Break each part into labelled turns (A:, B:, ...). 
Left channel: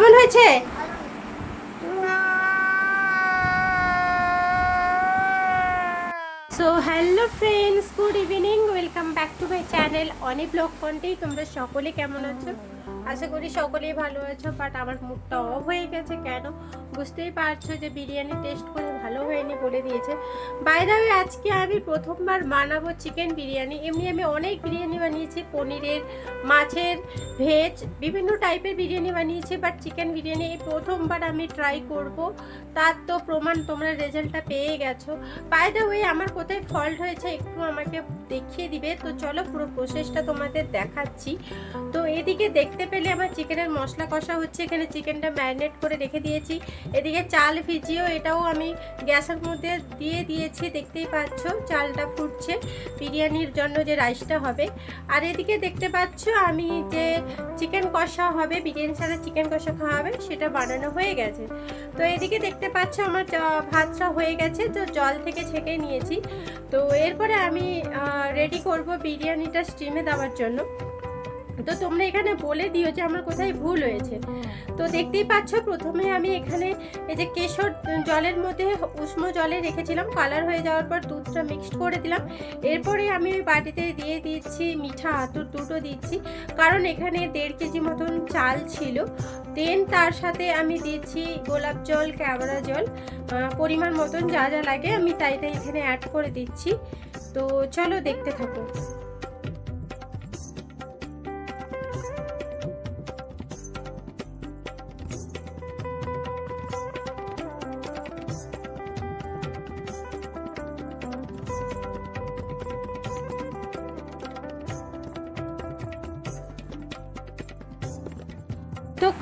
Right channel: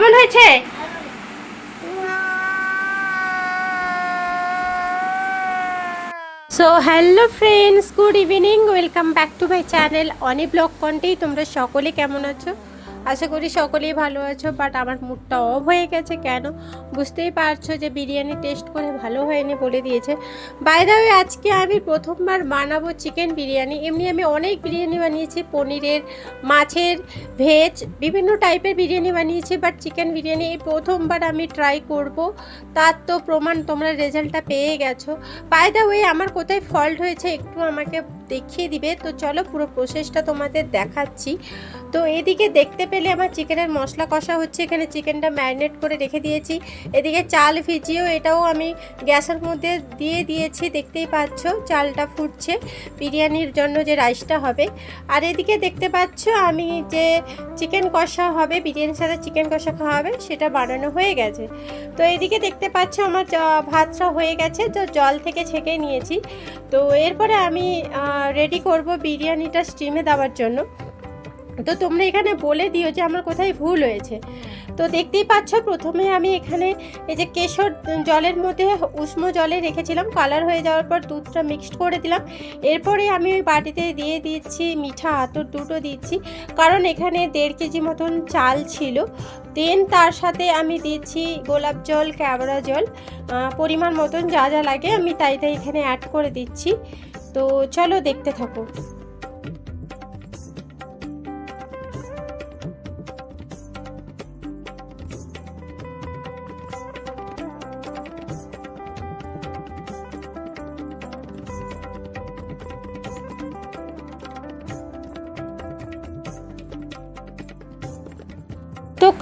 A: কেমন হয়েছে? So hello friends good evening welcome back to my channel Oni blog কন্টেই তোমরা সকলে কেমন আছো? আশা করি সকলেই ভালো আছো বাট আমার মুডটা অফ হয়ে গেছে কেন? বুঝতেই পারছ যে বিরিয়ানি টেস্ট করে ভালো হয়নি বলে দিয়েছে। বাইরে আজকে আমি প্রথমবার বানাবো চিকেন বিরিয়ানি। এমনি আমি অনেক বিরিয়ানি বানিয়েছি, পনিরের, মাছের ভেজ বিভিন্ন টাইপের বিরিয়ানি বানিয়েছি বাট চিকেন বিরিয়ানি এই প্রথমবার আমি ট্রাই করব। তার তো প্রমাণ তোমরা রেজাল্টটা পেয়ে গেছো। বাই দ্য ওয়ে আমার কোথায় ফল্ট হয়েছে একটু আমাকে দেখিয়ে দিবে। তো চলো পুরো প্রসেসটা তোমাদের দেখাচ্ছি। তো এদিকে দেখতে পেলে আমার চিকেনের মশলা কষা হচ্ছে। এখানে চিকেনটা ম্যারিনেট করে রেখে দিয়েছি। এদিকে চাল ভিজিয়েও এটাও আমি গ্যাসের মধ্যে দিয়ে দিয়েছি। দেখতেই পাচ্ছ চালটা ফুটছে। বিরিয়ানির জন্য যে রাইসটা হবে। আর এদিকে দেখতে পাচ্ছ আমি যে চিকেন কষা হবে, বিরিয়ানির সাথে চিকেন কষা খাওয়া হবে, সেটা বানানো হয়ে গেছে। তো এদিকে দেখতে পাচ্ছ আমার ভাতটা হয়ে গেছে। তো জল থেকে ছেঁকে নিয়েছি। তো এরপরে আমি রেডি করব বিরিয়ানিটা স্টিমে দেওয়ার জন্য। তো তোমরা এখানে বলে দিও যে আমার কোথায় ভুল হয়েছে। তো দেখতেই পাচ্ছ, প্রথমে আমি এখানে এই যে কেশর জলের মধ্যে উষ্ণ জলে রেখেছিলাম। কালার হয়ে যাওয়ার পর দুধটা মিক্সড করে দিলাম। এরপরে আমি ওই বাটিতে দিয়ে দিচ্ছি মিঠা আতর দুটো দিচ্ছি। কারণ এখানে দেড় কেজি মতন চাল ছিল। দেন তার সাথে আমি দিচ্ছি গোলাপ জল, ক্যাবরা জল। পরিমাণ মতন যা যা লাগে আমি তাই তাই এখানে অ্যাড করে দিচ্ছি। তো চলো দেখতে থাকো।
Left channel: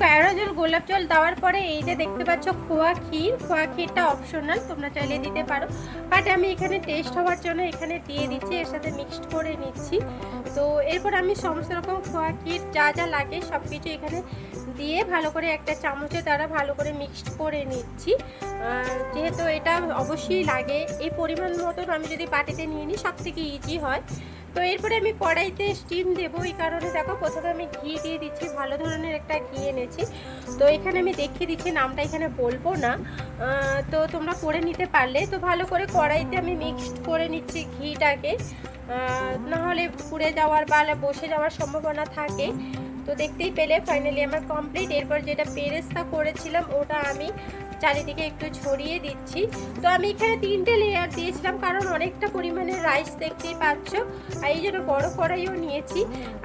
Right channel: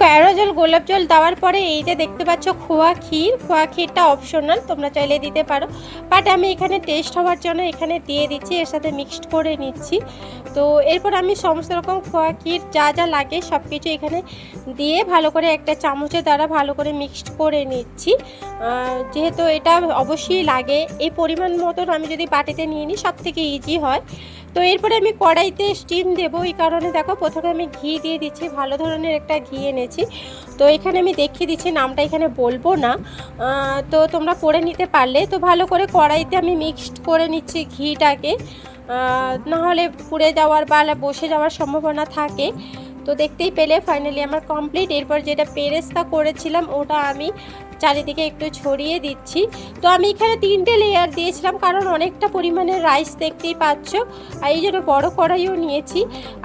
A: ক্যারো জল গোলাপ জল দেওয়ার পরে এই যে দেখতে পাচ্ছ খোয়া ক্ষীর, খোয়া ক্ষীরটা অপশনাল তোমরা চাইলে দিতে পারো। বাট আমি এখানে টেস্ট হওয়ার জন্য এখানে দিয়ে দিচ্ছি, এর সাথে মিক্সড করে নিচ্ছি। তো এরপর আমি সমস্ত রকম খোয়া ক্ষীর যা যা লাগে সব কিছু এখানে দিয়ে ভালো করে একটা চামচের দ্বারা ভালো করে মিক্সড করে নিচ্ছি। যেহেতু এটা অবশ্যই লাগে, এই পরিমাণ মতন আমি যদি বাটিতে নিয়ে নিই সব থেকে ইজি হয়। তো এরপরে আমি কড়াইতে স্টিম দেবো, এই কারণে দেখো প্রথমে আমি ঘি দিয়ে দিচ্ছি, ভালো ধরনের একটা ঘি এনেছি। তো এখানে আমি দেখিয়ে দিচ্ছি, নামটা এখানে বলব না। তো তোমরা করে নিতে পারলে, তো ভালো করে কড়াইতে আমি মিক্সড করে নিচ্ছি ঘিটাকে। নাহলে পুড়ে যাওয়ার বা বসে যাওয়ার সম্ভাবনা থাকে। তো দেখতেই পেলে ফাইনালি আমার কমপ্লিট এরপর যেটা পেরেস্তা করেছিলাম, ওটা আমি চারিদিকে একটু ছড়িয়ে দিচ্ছি। তো আমি এখানে তিনটে লেয়ার দিয়েছিলাম, কারণ অনেকটা পরিমাণে রাইস দেখতেই পাচ্ছ। আর এই জন্য বড় কড়াইও নিয়েছি।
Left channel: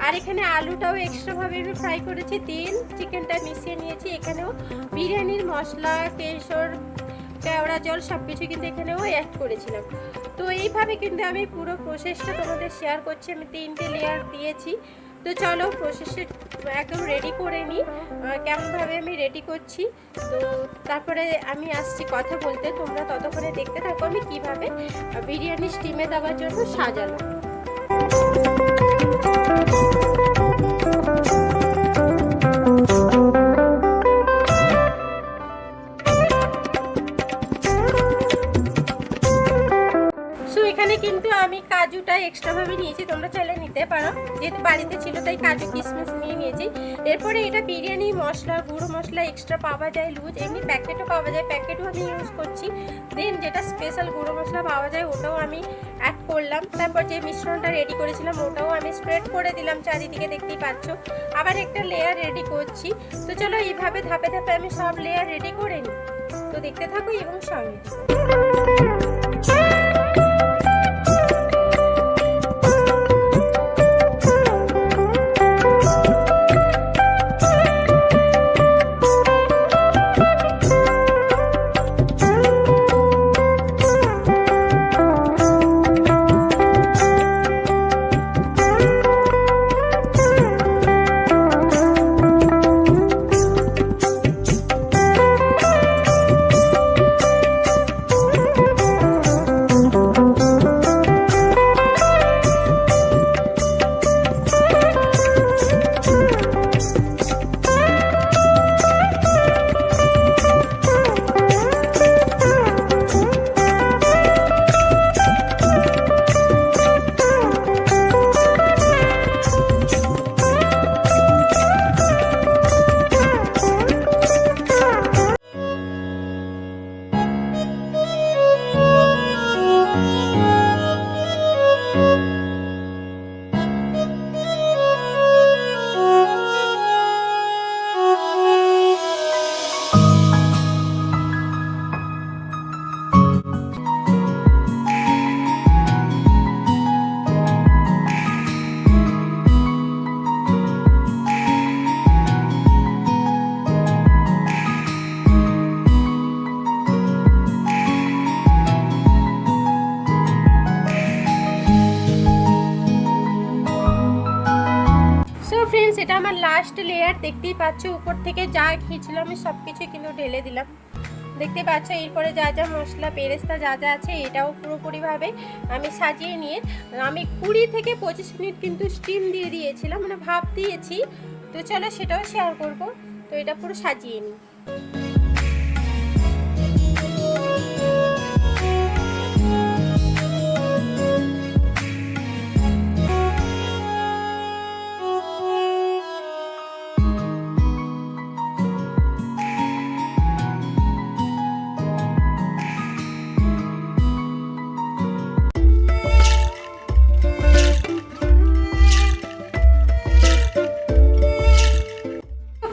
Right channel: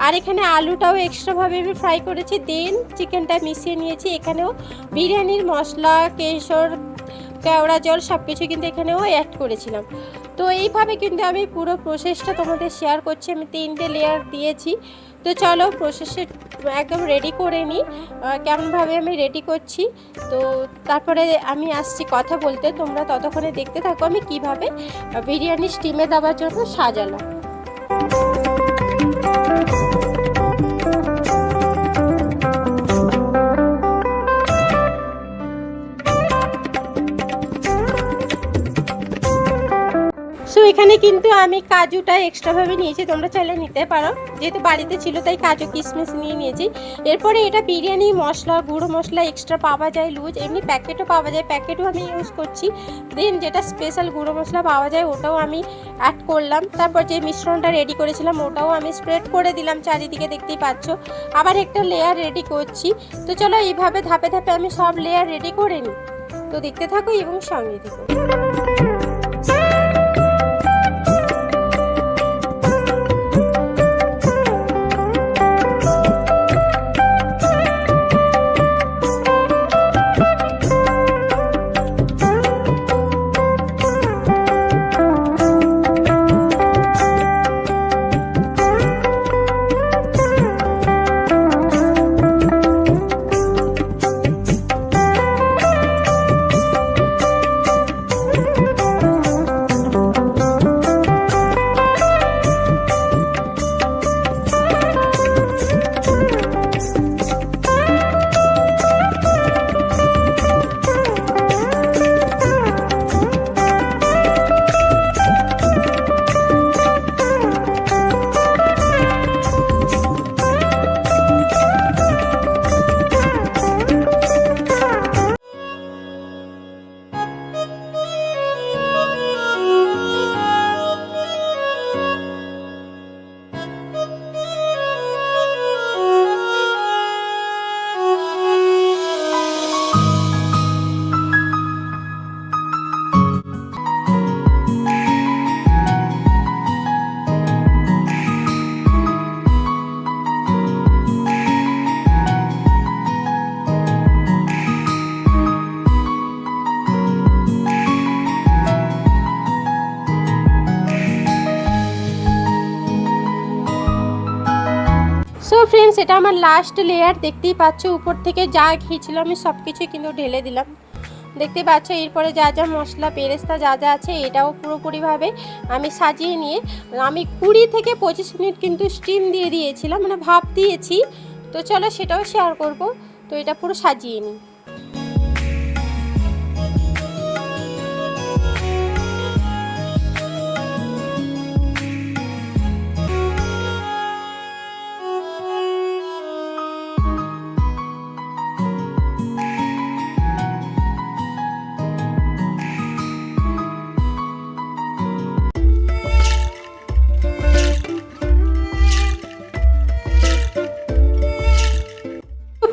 A: আর এখানে আলুটাও এক্সট্রাভাবে আমি ফ্রাই করেছি। দেন চিকেনটা মিশিয়ে নিয়েছি। এখানেও বিরিয়ানির মশলা, কেশর, কেওড়া জল সব কিছু কিন্তু এখানেও অ্যাড করেছিলাম। তো এইভাবে কিন্তু আমি পুরো প্রসেসটা তোমাদের শেয়ার করছি। আমি তিনটে লেয়ার দিয়েছি। তো চলো প্রসেসে একদম রেডি করে নিই কেমনভাবে আমি রেডি করছি? তো তারপরে আমি আসছি কথা বলতে। তোমরা ততক্ষণে দেখতে থাকো আমি কীভাবে বিরিয়ানি স্টিমে দেওয়ার জন্য সাজালাম। সো এখানে কিন্তু আমি কাজুটা এক্সট্রাভাবে নিয়েছি, তোমরা চাইলে নিতে পারো। যেহেতু বাড়িতে ছিল তাই কাজু কিশমিশ নিয়ে নিয়েছি। এরপরে এটা বিরিয়ানি মশলা, গুঁড়ো মশলা এক্সট্রা পাওয়া যায়, লুজ। এমনি প্যাকেটও পাওয়া যায় প্যাকেটও আমি ইউজ করছি। দেন যেটা স্পেশাল গুঁড়ো মশলা পাওয়া যায়, ওটাও আমি অ্যাড করলাম। তারপর যে মিশ্রণটা রেডি করেছিলাম, ওটাও আমি স্প্রেড করে দিলাম চারিদিকে, দেখতেই পাচ্ছ। আবার একটা লেয়ার রেডি করছি। তো চলো এইভাবে ধাপে ধাপে আমি সব লেয়ার রেডি করে নিই। তো দেখতে থাকো এবং সঙ্গে থাকো। এটা আমার লাস্ট লেয়ার দেখতেই পাচ্ছ, উপর থেকে যা খেয়েছিলাম আমি সব কিছুই কিন্তু ঢেলে দিলাম। দেখতে পাচ্ছ, এরপরে যা যা মশলা, পেরেস্তা যা যা আছে, এটাও পুরোপুরিভাবে আমি সাজিয়ে নিয়ে, আমি কুড়ি থেকে পঁচিশ মিনিট কিন্তু স্টিম দিয়ে দিয়েছিলাম মানে ভাব দিয়েছি। তো চলো সেটাও শেয়ার করব। তো এটা পুরো সাজিয়ে নিই।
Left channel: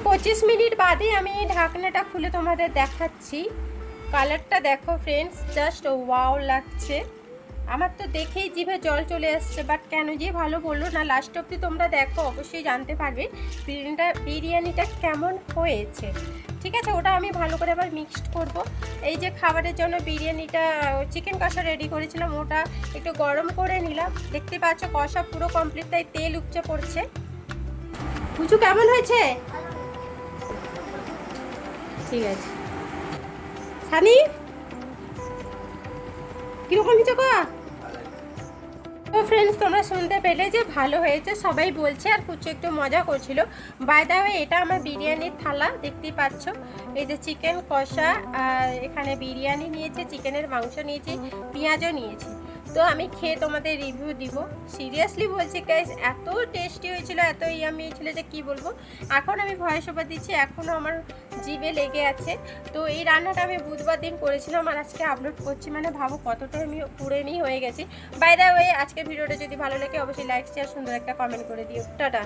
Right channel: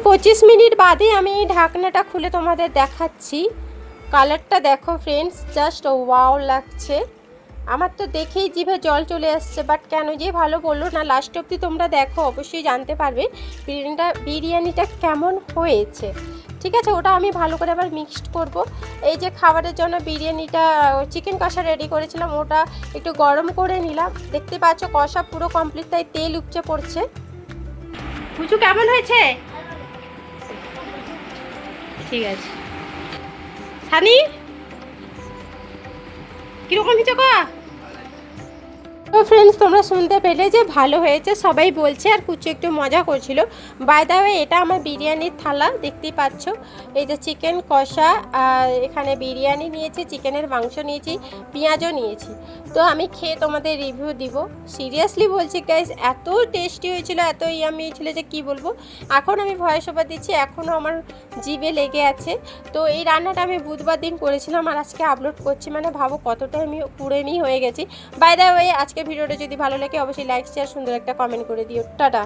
A: পঁচিশ মিনিট বাদে আমি ঢাকনাটা খুলে তোমাদের দেখাচ্ছি। কালারটা দেখো ফ্রেন্ডস জাস্ট ওয়াও লাগছে। আমার তো দেখেই জিভে জল চলে আসছে বাট কেন যে ভালো বলল না লাস্ট অবধি তোমরা দেখো, অবশ্যই জানতে পারবে বিরিয়ানিটা বিরিয়ানিটা কেমন হয়েছে। ঠিক আছে, ওটা আমি ভালো করে আবার মিক্সড করব। এই যে খাবারের জন্য বিরিয়ানিটা চিকেন কষা রেডি করেছিলাম, ওটা একটু গরম করে নিলাম। দেখতে পাচ্ছ কষা পুরো কমপ্লিট তাই তেল উপচে পড়ছে। পুচু কেমন হয়েছে? ঠিক আছে। সানি? কীরকম হয়েছে কা? তো ফ্রেন্ডস তোমরা শুনতে পেলে যে ভালো হয়েছে, সবাই বলছে আর কুচু একটু মজা করছিল। বাই দা ওয়ে এটা আমার বিরিয়ানির থালা, দেখতেই পাচ্ছ। এই যে চিকেন কষা, আর এখানে বিরিয়ানি নিয়েছি চিকেনের মাংস নিয়েছি, পেঁয়াজও নিয়েছি। তো আমি খেয়ে তোমাদের রিভিউ দিব। সিরিয়াসলি বলছি গাইজ এত টেস্টি হয়েছিল, এত ইয়ামি হয়েছিল যে কি বলব? এখন আমি ভয়েস ওভার দিচ্ছি এখনও আমার জিভে লেগে আছে। তো এই রান্নাটা আমি বুধবার দিন করেছিলাম, আর আজকে আপলোড করছি মানে ভাবো কতটা আমি পুরেমি হয়ে গেছি। বাই দা ওয়ে আজকে ভিডিওটা যদি ভালো লাগে অবশ্যই লাইক শেয়ার সুন্দর একটা কমেন্ট করে দিও। টাটা।